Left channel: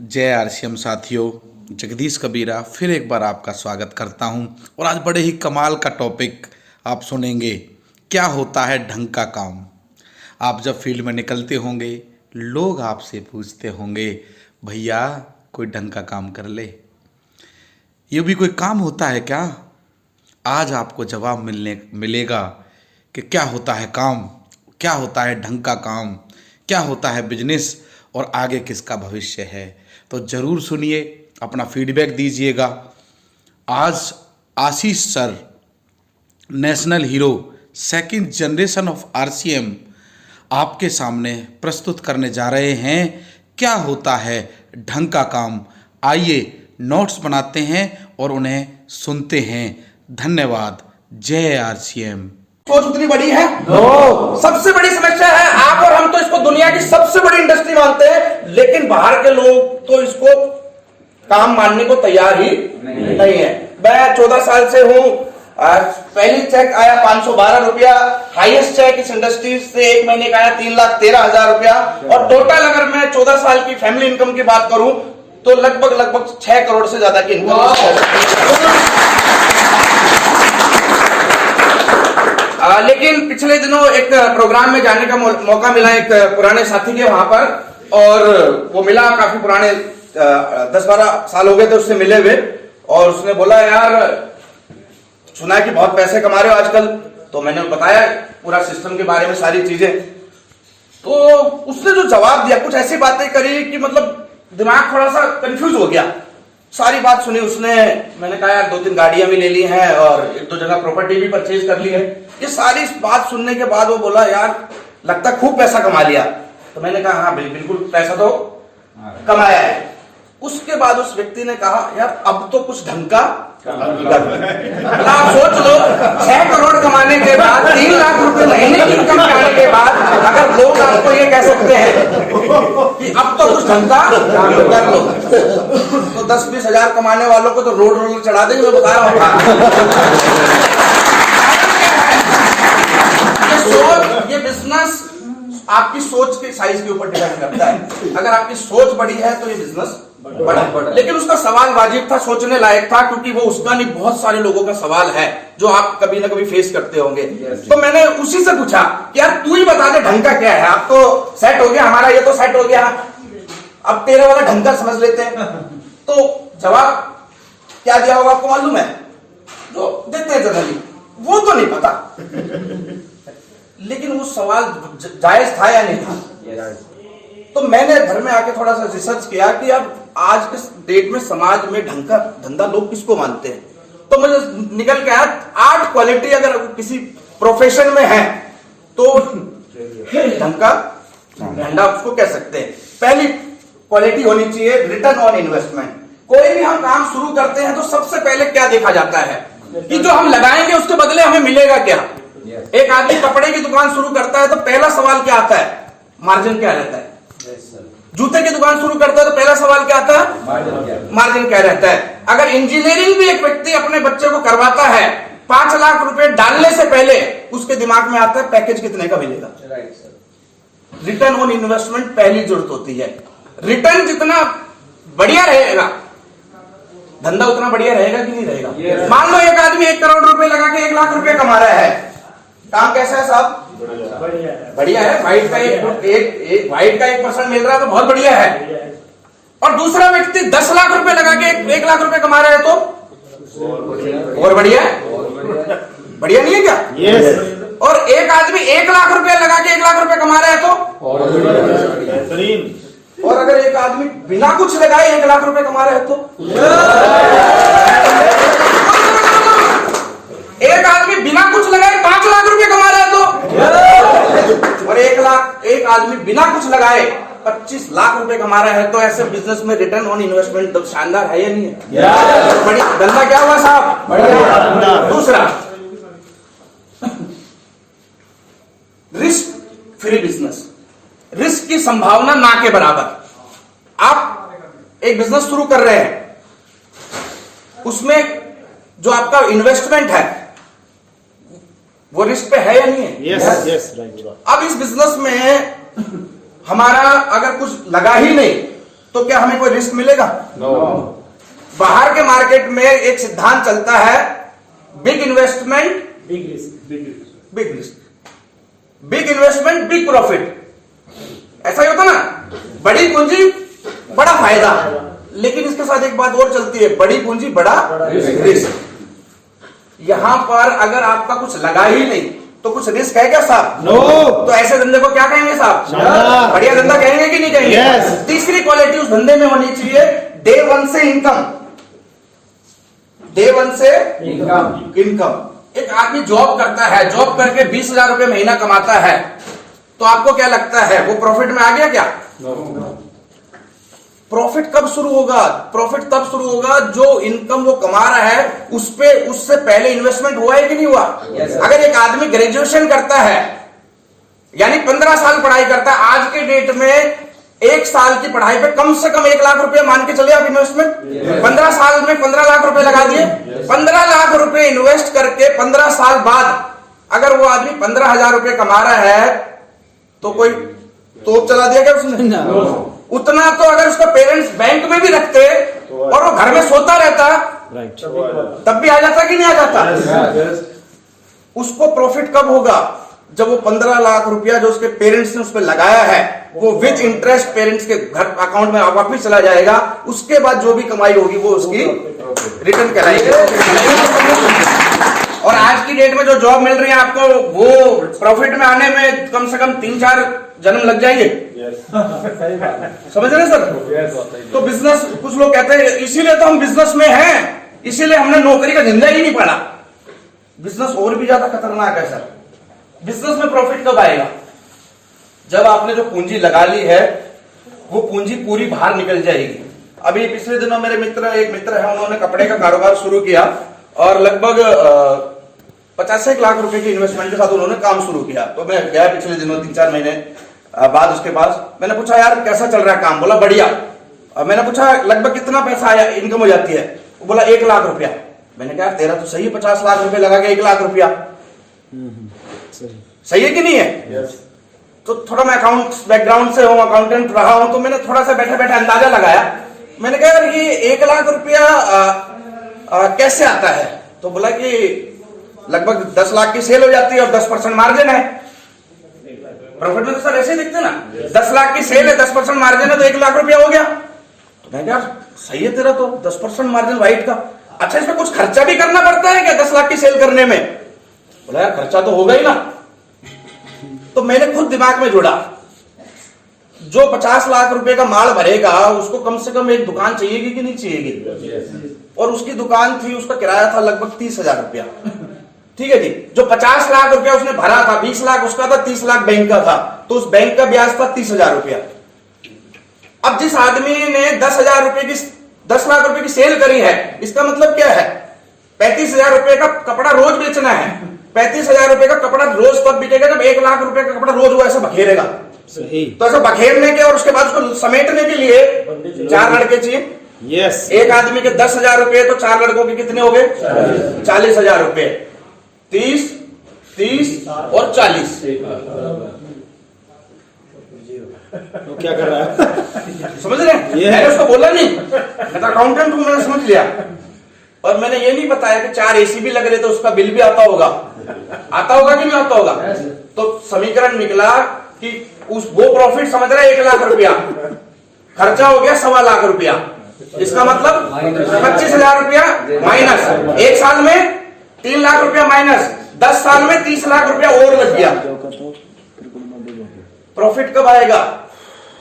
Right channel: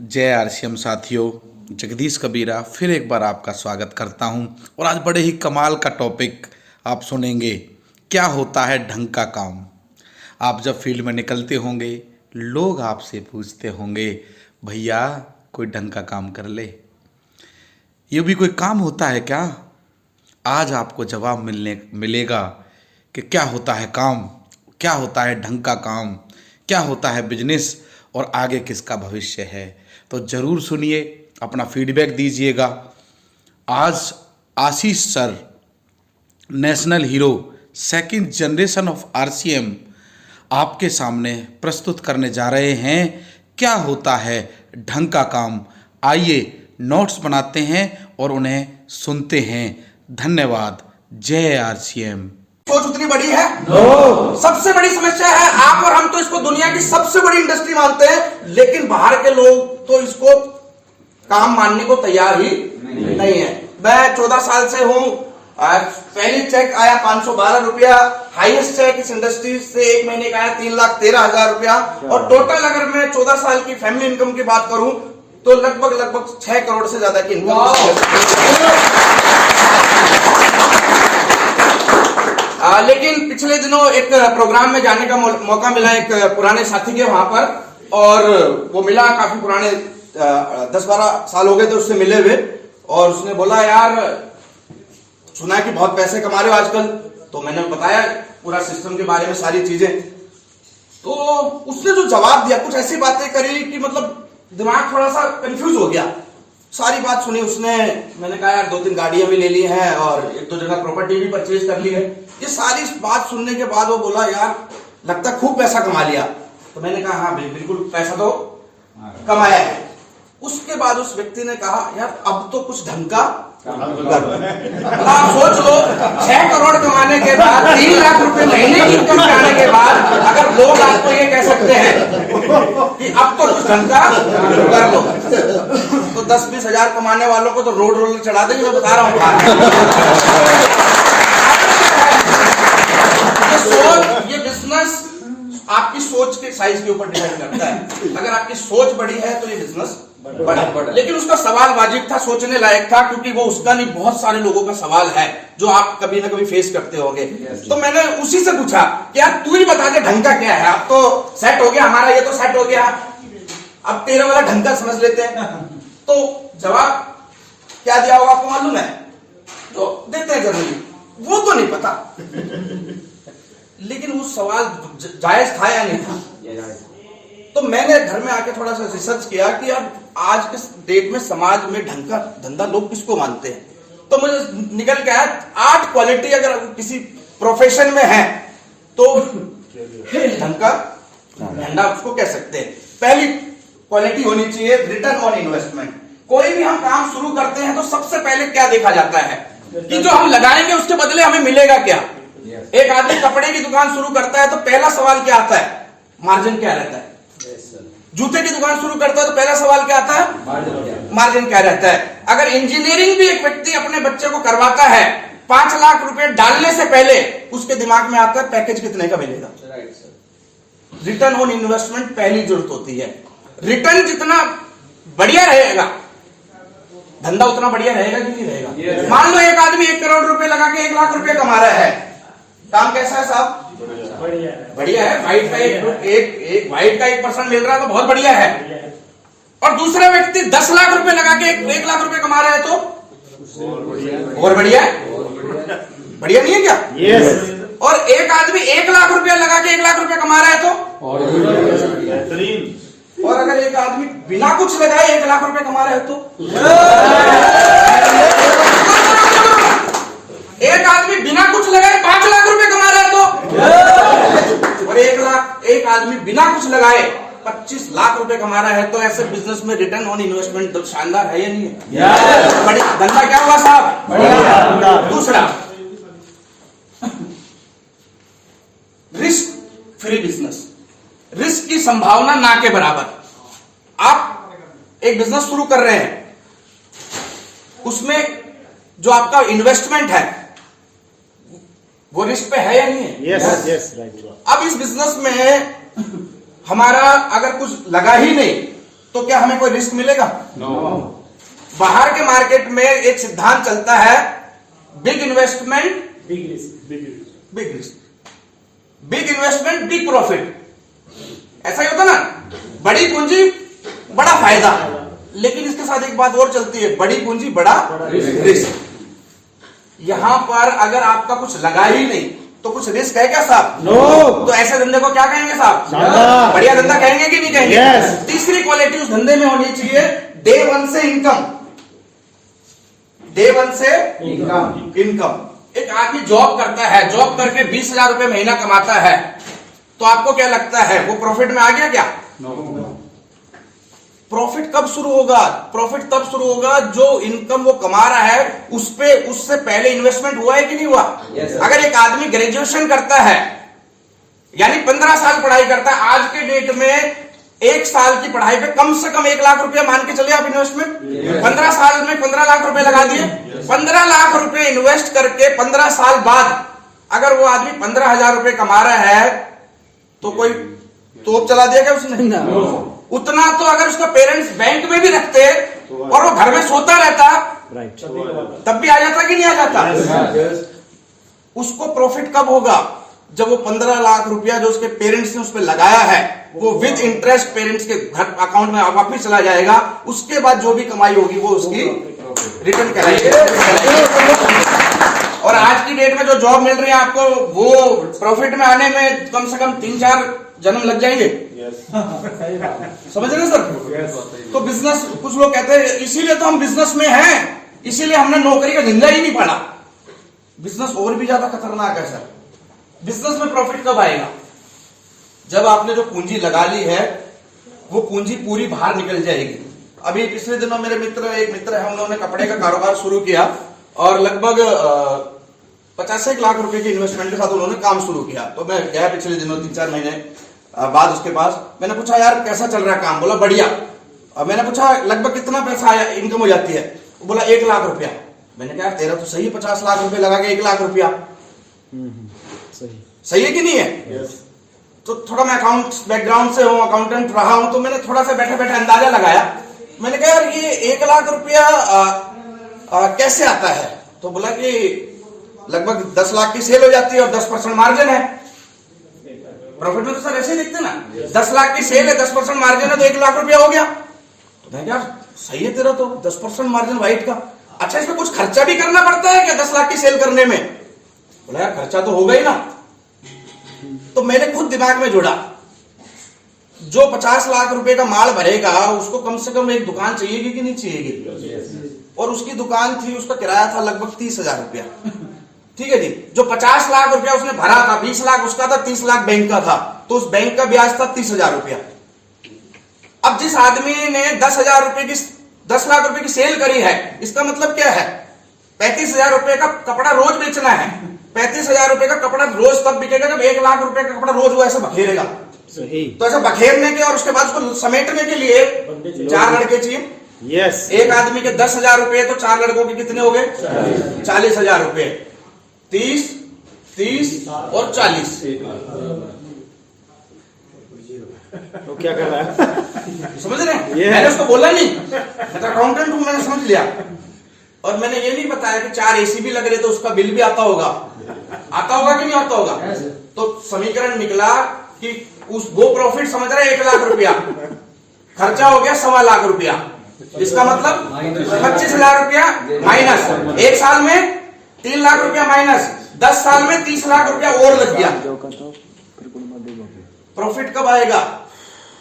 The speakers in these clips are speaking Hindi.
जय आरसीएम साथियों, जगदीश कबीरा फिर एक बार आपका स्वागत करता हूं। और आज बड़े ही कमाल का टॉपिक आप सुनेंगे। क्या होता है ढंग का काम। आप जब फील्ड में निकलते होंगे, लोग आपसे पूछते होंगे, भैया कोई ढंग का काम कर ले, ये भी कोई काम होता है क्या। आज आपको जवाब मिलेगा कि क्या होता है काम, क्या होता है ढंग का काम, क्या होता है बिजनेस और आगे किसका भविष्य है। तो ज़रूर सुनिए, अपना फीडबैक दीजिएगा। आज Ashish sir, national hero, second generation of RCM, आपके सामने प्रस्तुत करने जा रहे हैं क्या होता है ढंग का काम। आइए नोट्स बनाते हैं और उन्हें सुनते हैं। धन्यवाद। जय आरसीएम। सोच उतनी बड़ी है सबसे बड़ी समस्या है। आप और हम तो इसको दुनिया की सबसे बड़ी इंडस्ट्री मानते हैं, लेकिन बाहर के लोग तो इसको काम मानने को तैयार ही नहीं है। मैं 14 साल से हूं। पहली चेक आया 512 रुपया, हाईएस्ट चेक इस इंडस्ट्री से एक महीने का आया 3,13,000 रुपया। और टोटल अगर मैं 14 साल की फैमिली इनकम की बात करूं तो लगभग 6 करोड़ से ज्यादा की इनकम। लेकिन पिछले दिनों एक प्रोग्राम में जाने का मौका मिला एक पुराने साथी के वहां पर, और वो मिला काफी पुराने 10-12 साल हो गए थे उससे मिले हुए। और उसने बोला, यार सुना है कि बहुत पैसे कमा रहे हो आजकल। तो मैंने बताया पूरा सिस्टम के बारे में सारी चीजें। तो उसने जो जवाब दिया, कुछ ऐसी बातें करी कि मतलब दिमाग थोड़ा सा कंफ्यूज हो गया। सारी बात सुनी उसने। मैंने कहा यार 2-3 गाड़ियां भी ले ली हैं और 1-2 जगह प्रॉपर्टी भी परचेज कर ली है। ये सारी बात सुनने के बाद वो बोला, यार लगता खूब पैसा कमा लिया। तो मैंने कहा हाँ बिल्कुल पैसा तो कमाया है। उसके बाद उस व्यक्ति ने कहा, यार अब तो कुछ ढंग का आप सोच लो, 6 करोड़ कमाने के बाद 3 लाख रुपए महीने की इनकम करने के बाद अगर लोग आपको ये कह सकते हैं कि अब तो कुछ ढंग का कर लो, तो 10-20 हजार कमाने वालों को तो रोड रोलर चढ़ा देंगे। मैं बता रहा हूँ ये बिजनेस आपकी सोच के साइज के ऊपर डिपेंड करता है। अगर आपकी सोच बड़ी है तो ये बिजनेस बड़ा। लेकिन उसका सवाल वाजिब था, सोचने लायक था, क्योंकि वो उसका नहीं, बहुत सारे लोगों का सवाल है जो आप कभी ना कभी फेस करते होंगे। तो मैंने उसी से पूछा कि यार तू ही बता दे ढंग का क्या है। अब तो सेट हो गया हमारा, ये तो सेट हो गया, अब तेरे वाला ढंग का समझ लेते हैं। तो जवाब क्या दिया होगा आपको मालूम है? जो देते हैं जनरली वो तो नहीं पता, लेकिन वो सवाल जायज था या नहीं था। तो मैंने घर में आके थोड़ा सा रिसर्च किया कि अब आज के डेट में समाज में ढंग का धंधा लोग किसको मानते हैं। तो मुझे निकल के आया 8 क्वालिटी अगर किसी प्रोफेशन में है तो ढंग का धंधा उसको कह सकते हैं। पहली क्वालिटी होनी चाहिए रिटर्न ऑन इन्वेस्टमेंट। कोई भी हम काम शुरू करते हैं तो सबसे पहले क्या देखा जाता है कि जो हम लगाएंगे उसके बदले हमें मिलेगा क्या। एक आदमी कपड़े की दुकान शुरू करता है तो पहला सवाल क्या आता है? मार्जिन क्या रहता है। जूते की दुकान शुरू करता है तो पहला सवाल क्या आता है? मार्जिन क्या रहता है। अगर इंजीनियरिंग भी एक व्यक्ति अपने बच्चे को करवाता है, 5 लाख रुपए डालने से पहले उसके दिमाग में आता है पैकेज कितने का मिलेगा। रिटर्न ऑन इन्वेस्टमेंट पहली जरूरत होती है। रिटर्न जितना बढ़िया रहेगा धंधा उतना बढ़िया रहेगा कि नहीं रहेगा। मान लो एक आदमी 1 करोड़ रुपए लगा के 1 लाख रुपए कमा रहा है, काम कैसा है साहब? बढ़िया है। वाइट का एक वाइट का 1% मिल रहा है तो बहुत बढ़िया है। और दूसरा व्यक्ति 10 लाख रुपए लगा के 1 लाख रुपए कमा रहा है तो और बढ़िया है। बढ़िया नहीं है क्या? yes. और एक आदमी 1 लाख रुपया लगा के 1 लाख रुपए कमा रहा है तो और अगर एक आदमी बिना कुछ लगाए 1 लाख रुपए कमा रहा है तो एक आदमी बिना कुछ लगाए 5 लाख रुपए कमा रहा है तो और एक आदमी बिना कुछ लगाए 25 लाख रुपए कमा रहा है तो ऐसे बिजनेस में रिटर्न ऑन इन्वेस्टमेंट तो शानदार है या नहीं है? बड़ी धंधा क्या होगा साहब? दूसरा, रिस्क फ्री बिजनेस। रिस्क की संभावना ना के बराबर। आप एक बिजनेस शुरू कर रहे हैं, उसमें जो आपका इन्वेस्टमेंट है वो रिस्क पे है या नहीं है? yes, right. अब इस बिजनेस में हमारा अगर कुछ लगा ही नहीं तो क्या हमें कोई रिस्क मिलेगा? बाहर के मार्केट में एक सिद्धांत चलता है, big investment big risk, big investment big profit. ऐसा ही होता ना, बड़ी पूंजी बड़ा फायदा। लेकिन इसके साथ एक बात और चलती है, बड़ी पूंजी बड़ा रिस्क। यहां पर अगर आपका कुछ लगा ही नहीं तो कुछ रिस्क है क्या साहब? नो। तो ऐसे धंधे को क्या कहेंगे साहब? बढ़िया धंधा कहेंगे कि नहीं कहेंगे? Yes. तीसरी क्वालिटी उस धंधे में होनी चाहिए, डे वन से इनकम। डे वन से इनकम। एक आदमी जॉब करता है, जॉब करके 20,000 रुपए महीना कमाता है, तो आपको क्या लगता है वो प्रॉफिट में आ गया क्या? प्रॉफिट कब शुरू होगा? प्रॉफिट तब शुरू होगा जो इनकम वो कमा रहा है उससे पहले इन्वेस्टमेंट हुआ है कि नहीं हुआ? अगर एक आदमी ग्रेजुएशन करता है, यानी 15 साल पढ़ाई करता है, आज के डेट में 1 साल की पढ़ाई पे कम से कम 1 लाख रुपए मान के चले आप इन्वेस्टमेंट। 15 साल में 15 लाख रुपए लगा दिए। 15 लाख रुपए इन्वेस्ट करके 15 साल बाद अगर वो आदमी 15,000 रुपए कमा रहा है तो कोई तोप चला दिया क्या उसने? उतना तो अगर उसका पेरेंट्स बैंक में भी रखते और वो घर में सोता रहता तब भी आ जाता कि नहीं आ जाता? उसको प्रॉफिट कब होगा? जब वो 15 लाख रुपया जो उसके पेरेंट्स ने उस पर लगाया है वो विद इंटरेस्ट पेरेंट्स के घर अकाउंट में वापस चला जाएगा। उसके बाद जो भी कमाई होगी वो उसकी रिटर्न करेंगे। और आज की डेट में जो जॉब मिल रही है आपको, वो प्रॉफिट में आने में कम से कम 3-4 जन्म लग जाएंगे। समझ रहे सर? तो बिजनेस, कुछ लोग कहते हैं इसीलिए तो हम बिजनेस में हैं, इसीलिए हमने नौकरी का झंझा ही नहीं पड़ा। बिजनेस और भी ज्यादा खतरनाक है सर। बिजनेस में प्रॉफिट कब आएगा? जब आपने जो पूंजी लगा ली है वो पूंजी पूरी बाहर निकल जाएगी। अभी पिछले दिनों मेरे एक मित्र है, उन्होंने कपड़े का कारोबार शुरू किया और लगभग 50 लाख रुपए की इन्वेस्टमेंट के साथ उन्होंने काम शुरू किया। तो मैं गया पिछले दिनों 3-4 महीने बाद उसके पास। मैंने पूछा यार कैसा चल रहा है काम? बोला बढ़िया। मैंने पूछा लगभग कितना पैसा आया इनकम हो जाती है? बोला 1 लाख रुपया। मैंने कहा तेरा तो सही है, 50 लाख रुपए लगा के 1 लाख रुपया, सही है कि नहीं है? तो थोड़ा मैं अकाउंट बैकग्राउंड से हूं, अकाउंटेंट रहा हूं, तो मैंने थोड़ा सा बैठे बैठे अंदाजा लगाया। मैंने कहा यार ये 1 लाख रुपया कैसे आता है? तो बोला कि लगभग 10 लाख की सेल हो जाती है और 10% मार्जिन है। प्रॉफिट में तो सर ऐसे ही दिखते ना, 10 लाख की सेल है, 10% मार्जिन है तो 1 लाख रुपया हो गया। तो मैं यार सही है तेरा तो 10% मार्जिन व्हाइट का। अच्छा इसमें कुछ खर्चा भी करना पड़ता है क्या 10 लाख की सेल करने में? बोला यार खर्चा तो होगा ही ना। तो मैंने खुद दिमाग में जोड़ा, जो 50 लाख रुपए का माल भरेगा उसको कम से कम एक दुकान चाहिएगी कि नहीं चाहिएगी? और उसकी दुकान थी, उसका किराया था लगभग 30,000 रुपया। ठीक है जी। जो 50 लाख रुपया उसने भरा था, 20 लाख उसका था, 30 लाख बैंक का था, तो उस बैंक का ब्याज था 30,000 रुपया। अब जिस आदमी ने 10 लाख रुपए की सेल करी है, इसका मतलब क्या है? 35,000 रुपए का कपड़ा रोज बेचना है। 35,000 रुपए का कपड़ा रोज तब बिकेगा जब 1 लाख रुपए का कपड़ा रोज वो ऐसा बखेरेगा। तो ऐसा बखेरने के और उसके बाद उसको समेटने के लिए 4 लड़के चाहिए। यस। एक आदमी के 10,000 रुपए तो 4 लड़कों के कितने हो गए? 40,000 रुपए। 30 और 40। वो क्या कर रहा है? समझ रहे हैं? मैंने उसको बोला नहीं, मैं तो अकाउंटेंट हूं, मैंने समझ लिया। और मैंने ये नहीं बताया कि 4 एसी भी लग रहे तो उसका बिल भी आता होगा कि नहीं आता होगा। तो समीकरण निकला कि वो प्रॉफिट समझ रहे 1 लाख रुपया, खर्चा हो गया 1.25 लाख रुपया। इसका मतलब 25,000 रुपया माइनस, 1 साल में 3 लाख रुपया माइनस, 10 साल में 30 लाख रुपया और लग गया। प्रॉफिट कब आएगा?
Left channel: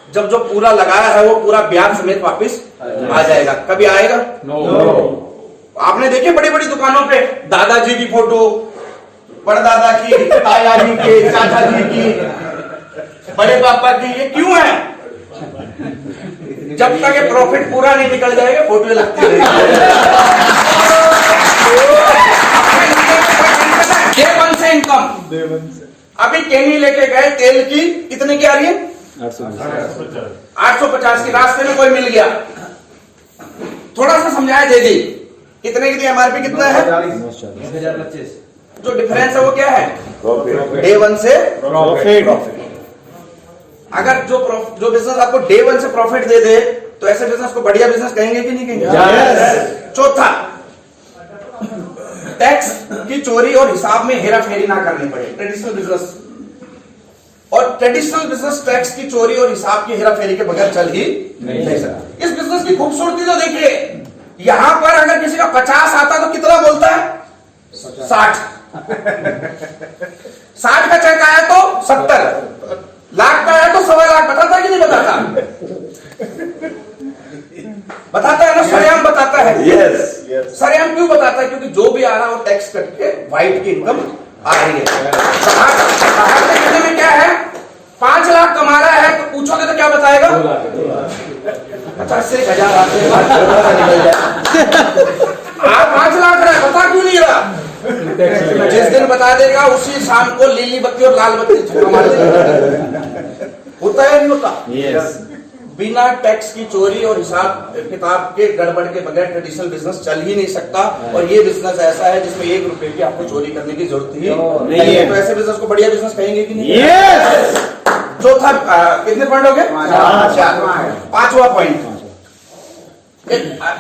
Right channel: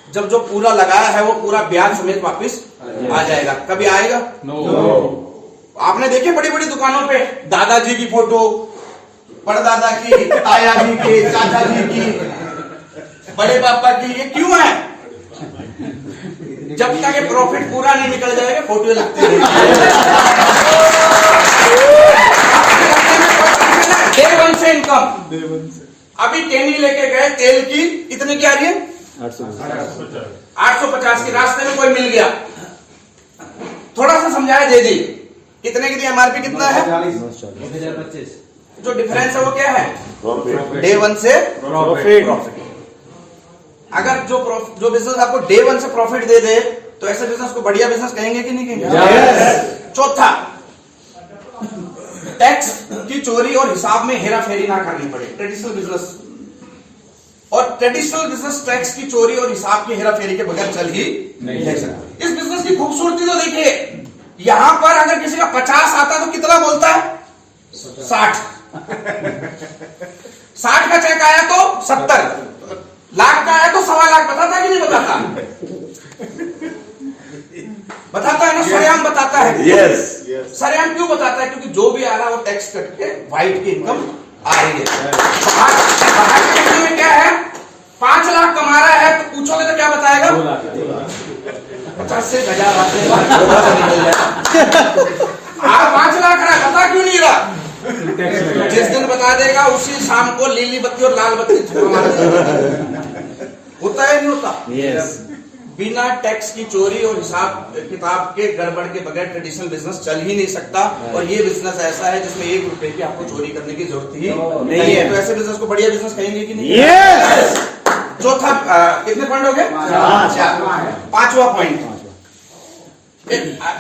जब जो पूरा लगाया है वो पूरा ब्याज समेत वापस आ जाएगा। कभी आएगा? आपने देखे बड़ी बड़ी दुकानों पे दादाजी की फोटो, परदादा की, ताया जी की, चाचा जी की, बड़े पापा की, ये क्यों है? जब तक ये प्रॉफिट पूरा नहीं निकल जाएगा फोटो लगती रहेगी। डे वन से इनकम। अभी केनी लेके गए, तेल की कितने की आ रही है? 850 की। रास्ते में कोई मिल गया, थोड़ा सा समझाया दे दी, कितने की एमआरपी कितना है? 1025। जो डिफरेंस है वो क्या है? डे वन से प्रॉफिट। अगर जो बिजनेस आपको डे वन से प्रॉफिट दे दे तो ऐसे बिजनेस को बढ़िया बिजनेस कहेंगे कि नहीं कहेंगे? Yes. चौथा, टैक्स की चोरी और हिसाब में हेरा फेरी ना करनी पड़े। ट्रेडिशनल बिजनेस और ट्रेडिशनल बिजनेस टैक्स की चोरी और हिसाब की हेरा फेरी के बगैर चल ही नहीं सकता। इस बिजनेस की खूबसूरती तो देखिए, यहां पर अगर किसी का 50 आता तो कितना बोलता है? 60। 60 का चेक आया तो 70, लाख का आया तो 1.25 लाख। बताता कि नहीं बताता? बताता है ना, सरेआम बताता है। Yes. सरेआम क्यों बताता है? क्योंकि जो भी आ रहा है वो टैक्स कट के व्हाइट की इनकम आ रही है। बाहर के इनकम में क्या है? 5 लाख कमा रहा है तो पूछोगे तो क्या बताएगा? 50 से 1000 निकल जाए। आप 5 लाख रहा है, बता क्यों नहीं रहा? जिस दिन बता देगा उसी शाम को लीली बत्ती और लाल बत्ती होता है, नहीं होता? Yes. बिना टैक्स की चोरी और हिसाब किताब के गड़बड़ के बगैर ट्रेडिशनल बिजनेस चल ही नहीं सकता। और ये बिजनेस ऐसा है जिसमें 1 रुपए की आपको चोरी करने की जरूरत ही नहीं है। तो ऐसे बिजनेस को बढ़िया बिजनेस कहेंगे कि नहीं? Yes. चौथा, कितने पॉइंट हो गए? 5वां पॉइंट,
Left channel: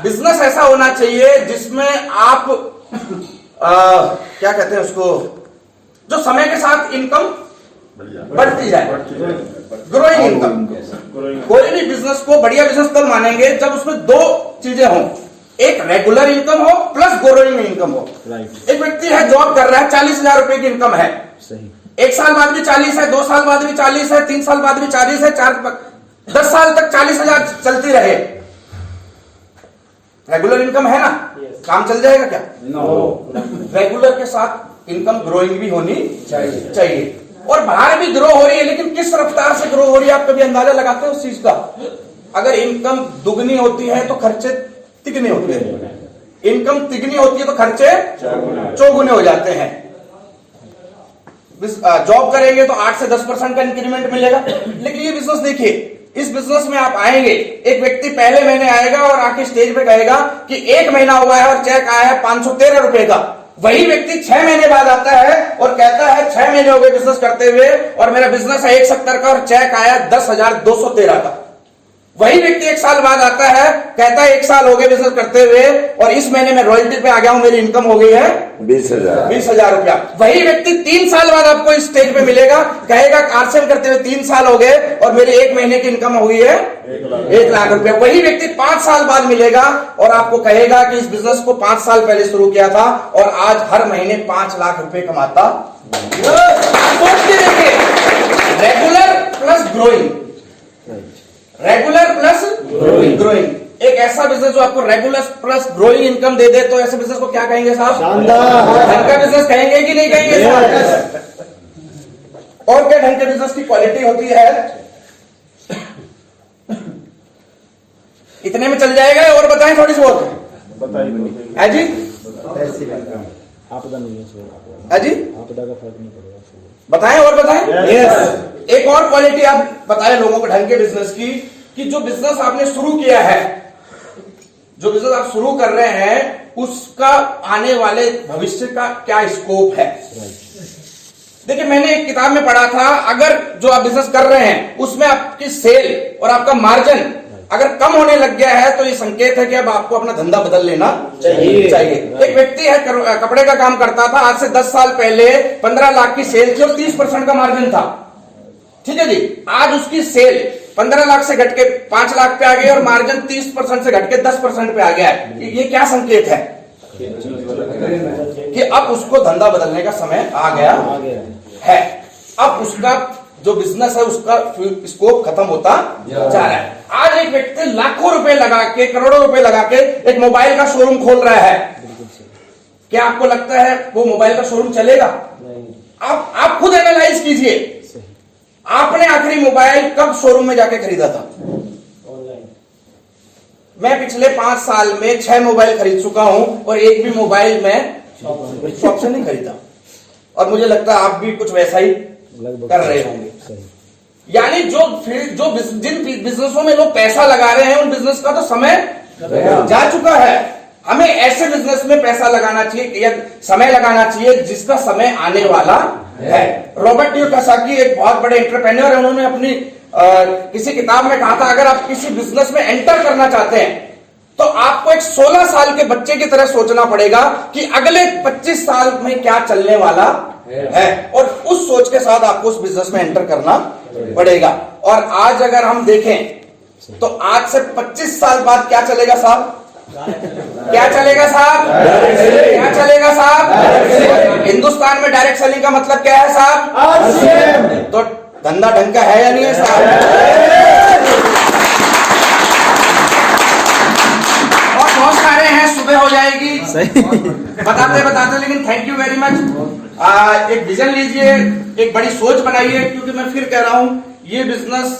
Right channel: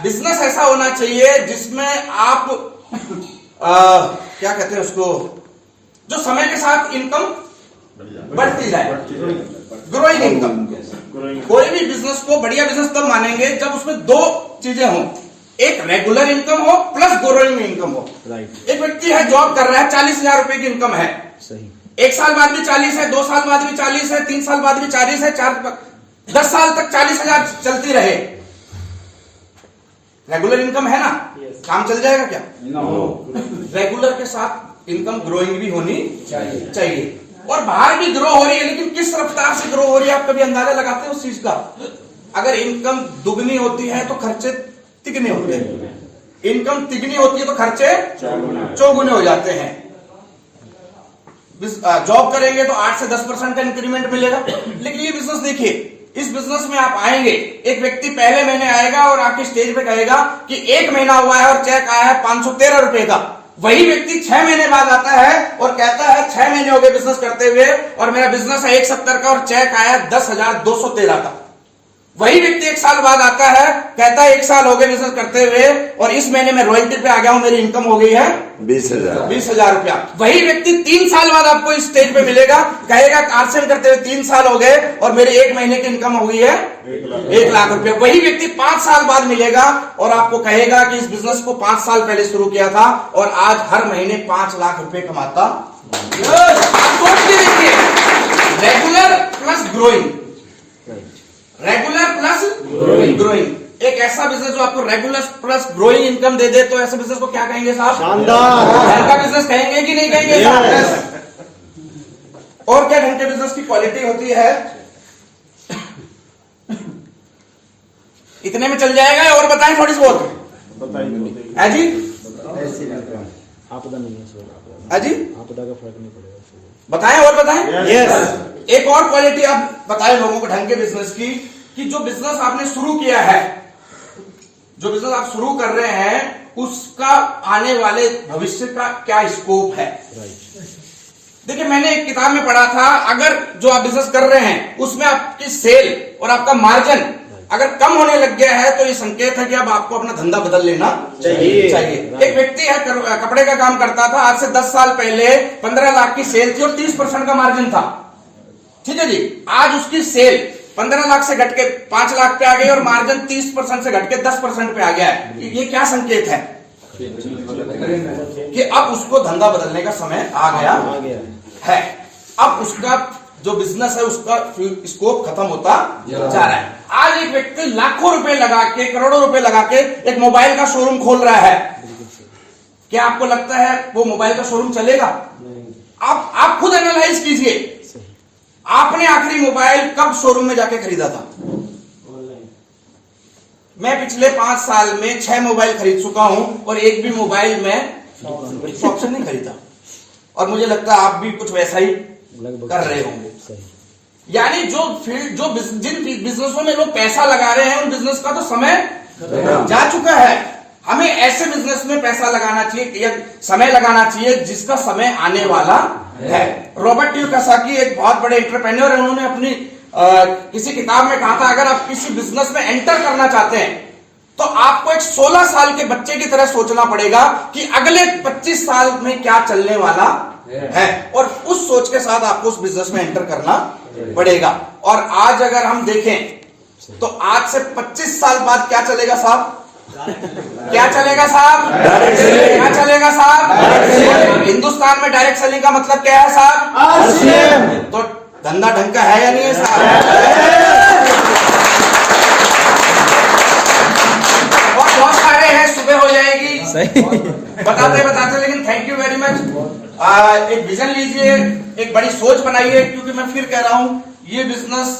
बिजनेस ऐसा होना चाहिए जिसमें आप क्या कहते हैं उसको, जो समय के साथ इनकम बढ़ती जाए, ग्रोइंग इनकम। कोई भी बिजनेस को बढ़िया बिजनेस तब मानेंगे जब उसमें 2 चीजें हों, एक रेगुलर इनकम हो प्लस ग्रोइंग इनकम हो। Right. एक व्यक्ति है, जॉब कर रहा है, 40,000 रुपए की इनकम है, सही। 1 साल बाद भी 40 है, 2 साल बाद भी 40 है, 3 साल बाद भी 40 है, 10 साल तक 40,000 चलती रहे, रेगुलर इनकम है ना? काम चल जाएगा क्या? रेगुलर के साथ इनकम ग्रोइंग भी होनी चाहिए। और बाहर भी ग्रो हो रही है, लेकिन किस रफ्तार से ग्रो हो रही है आप कभी अंदाजा लगाते हो उस चीज का? अगर इनकम दुगनी होती है तो खर्चे तिगने होते हैं, इनकम तिगनी होती है तो खर्चे चौगुने हो जाते हैं। जॉब करेंगे तो 8 से 10% का इंक्रीमेंट मिलेगा। लेकिन ये बिजनेस देखिए, इस बिजनेस में आप आएंगे, एक व्यक्ति पहले महीने आएगा और आके स्टेज पे कहेगा कि 1 महीना हुआ है और चेक आया है 513 रुपए का। वही व्यक्ति 6 महीने बाद आता है और कहता है 6 महीने हो गए बिजनेस करते हुए और मेरा बिजनेस है 170 का और चेक आया 10,213 का। वही व्यक्ति 1 साल बाद आता है, कहता है 1 साल हो गए बिजनेस करते हुए और इस महीने में रॉयल्टी पे आ गया हूं, मेरी इनकम हो गई है 20,000 रुपया। वही व्यक्ति 3 साल बाद आपको इस स्टेज पे मिलेगा, कहेगा आरसेल करते हुए 3 साल हो गए और मेरी 1 महीने की इनकम हुई है 1 लाख रुपया। वही व्यक्ति 5 साल बाद मिलेगा और आपको कहेगा कि इस बिजनेस को 5 साल पहले शुरू किया था और आज हर महीने 5 लाख रुपए कमाता। देखिए, regular plus growing, regular plus growing. एक ऐसा बिजनेस जो आपको रेगुलर प्लस ग्रोइंग इनकम दे दे, तो ऐसे बिजनेस को क्या कहेंगे साहब? शानदार। ढंग का बिजनेस कहेंगे कि नहीं कहेंगे साहब? और क्या ढंग के बिजनेस की क्वालिटी होती है? इतने में चल जाएगा और बताएं थोड़ी सी बहुत? है जी? आपदा नहीं है सर, है जी? आपदा का फर्क नहीं पड़ेगा। बताएं और बताएं। Yes. एक और क्वालिटी आप बताएं लोगों को ढंग के बिजनेस की, कि जो बिजनेस आपने शुरू किया है, जो बिजनेस आप शुरू कर रहे हैं, उसका आने वाले भविष्य का क्या स्कोप है। देखिए, मैंने एक किताब में पढ़ा था, अगर जो आप बिजनेस कर रहे हैं उसमें आपकी सेल और आपका मार्जिन अगर कम होने लग गया है तो ये संकेत है कि अब आपको अपना धंधा बदल लेना चाहिए। एक व्यक्ति है, कपड़े का काम करता था, आज से 10 साल पहले 15 लाख की सेल थी और 30% का मार्जिन था, ठीक है जी। आज उसकी सेल 15 लाख से घट के 5 लाख पे आ गई और मार्जिन 30% से घट के 10% पे आ गया है। ये क्या संकेत है? कि अब उसको धंधा बदलने का समय आ गया है। अब उसका जो बिजनेस है उसका स्कोप खत्म होता जा रहा है। आज एक व्यक्ति लाखों रुपए लगा के, करोड़ों रुपए लगा के एक मोबाइल का शोरूम खोल रहा है। क्या आपको लगता है वो मोबाइल का शोरूम चलेगा? आप खुद एनालाइज कीजिए, आपने आखिरी मोबाइल कब शोरूम में जाके खरीदा था? मैं पिछले 5 साल में 6 मोबाइल खरीद चुका हूं और एक भी मोबाइल में शॉप से नहीं खरीदा। और मुझे लगता है आप भी कुछ वैसा ही कर रहे होंगे। यानी जो फील्ड, जो जिन बिजनेसों में लोग पैसा लगा रहे हैं उन बिजनेस का तो समय जा चुका है। हमें ऐसे बिजनेस में पैसा लगाना चाहिए या समय लगाना चाहिए जिसका समय आने वाला है। रॉबर्ट कियोसाकी एक बहुत बड़े एंटरप्रेन्योर है, उन्होंने अपनी किसी किताब में कहा था, अगर आप किसी बिजनेस में एंटर करना चाहते हैं तो आपको एक 16 साल के बच्चे की तरह सोचना पड़ेगा कि अगले 25 साल में क्या चलने वाला है, और उस सोच के साथ आपको उस बिजनेस में एंटर करना पड़ेगा। और आज अगर हम देखें तो आज से 25 साल बाद क्या चलेगा साहब? क्या चलेगा साहब? क्या चलेगा साहब? हिंदुस्तान में डायरेक्ट सेलिंग का मतलब क्या है साहब? तो धंधा ढंग का है या नहीं है साहब? और बहुत सारे हैं, सुबह हो जाएगी बताते बताते, लेकिन थैंक यू वेरी मच। एक विजन लीजिए, एक बड़ी सोच बनाइए, क्योंकि मैं फिर कह रहा हूं ये बिजनेस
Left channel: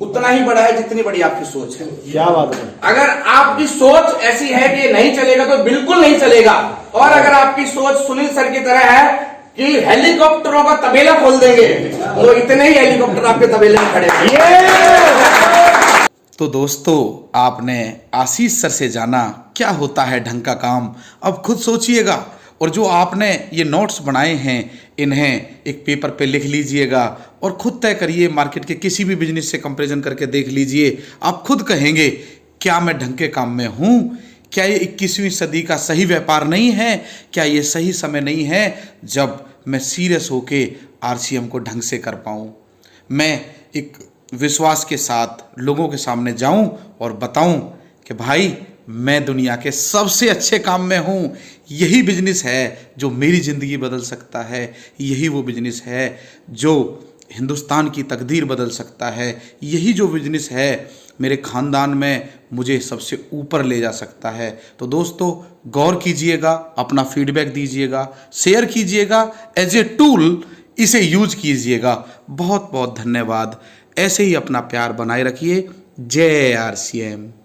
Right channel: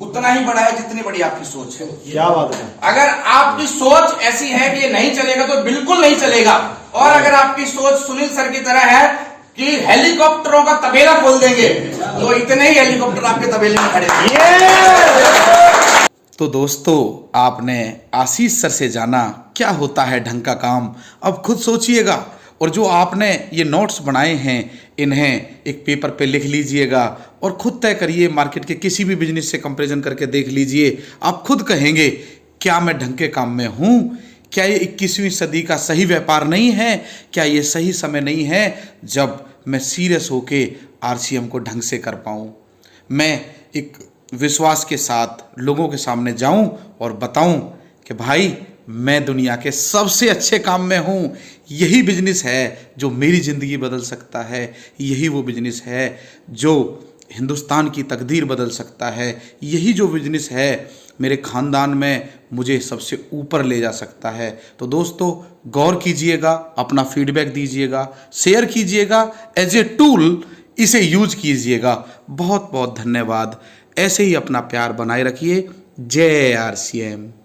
उतना ही बड़ा है जितनी बड़ी आपकी सोच है। क्या बात है। अगर आपकी सोच ऐसी है कि नहीं चलेगा तो बिल्कुल नहीं चलेगा, और अगर आपकी सोच सुनील सर की तरह है कि हेलीकॉप्टरों का तबेला खोल देंगे, तो इतने ही हेलीकॉप्टर आपके तबेले में खड़े हैं। तो दोस्तों, आपने आशीष सर से जाना क्या होता है ढंग का काम। अब खुद सोचिएगा, और जो आपने ये नोट्स बनाए हैं इन्हें एक पेपर पे लिख लीजिएगा और खुद तय करिए, मार्केट के किसी भी बिजनेस से कंपैरिजन करके देख लीजिए। आप खुद कहेंगे क्या मैं ढंग के काम में हूँ? क्या ये 21वीं सदी का सही व्यापार नहीं है? क्या ये सही समय नहीं है जब मैं सीरियस होके RCM को ढंग से कर पाऊँ, मैं एक विश्वास के साथ लोगों के सामने जाऊं और बताऊं कि भाई मैं दुनिया के सबसे अच्छे काम में हूं। यही बिजनेस है जो मेरी ज़िंदगी बदल सकता है, यही वो बिजनेस है जो हिंदुस्तान की तकदीर बदल सकता है, यही जो बिजनेस है मेरे ख़ानदान में मुझे सबसे ऊपर ले जा सकता है। तो दोस्तों, गौर कीजिएगा, अपना फीडबैक दीजिएगा, शेयर कीजिएगा, एज ए टूल इसे यूज कीजिएगा। बहुत बहुत धन्यवाद। ऐसे ही अपना प्यार बनाए रखिए। जय RCM।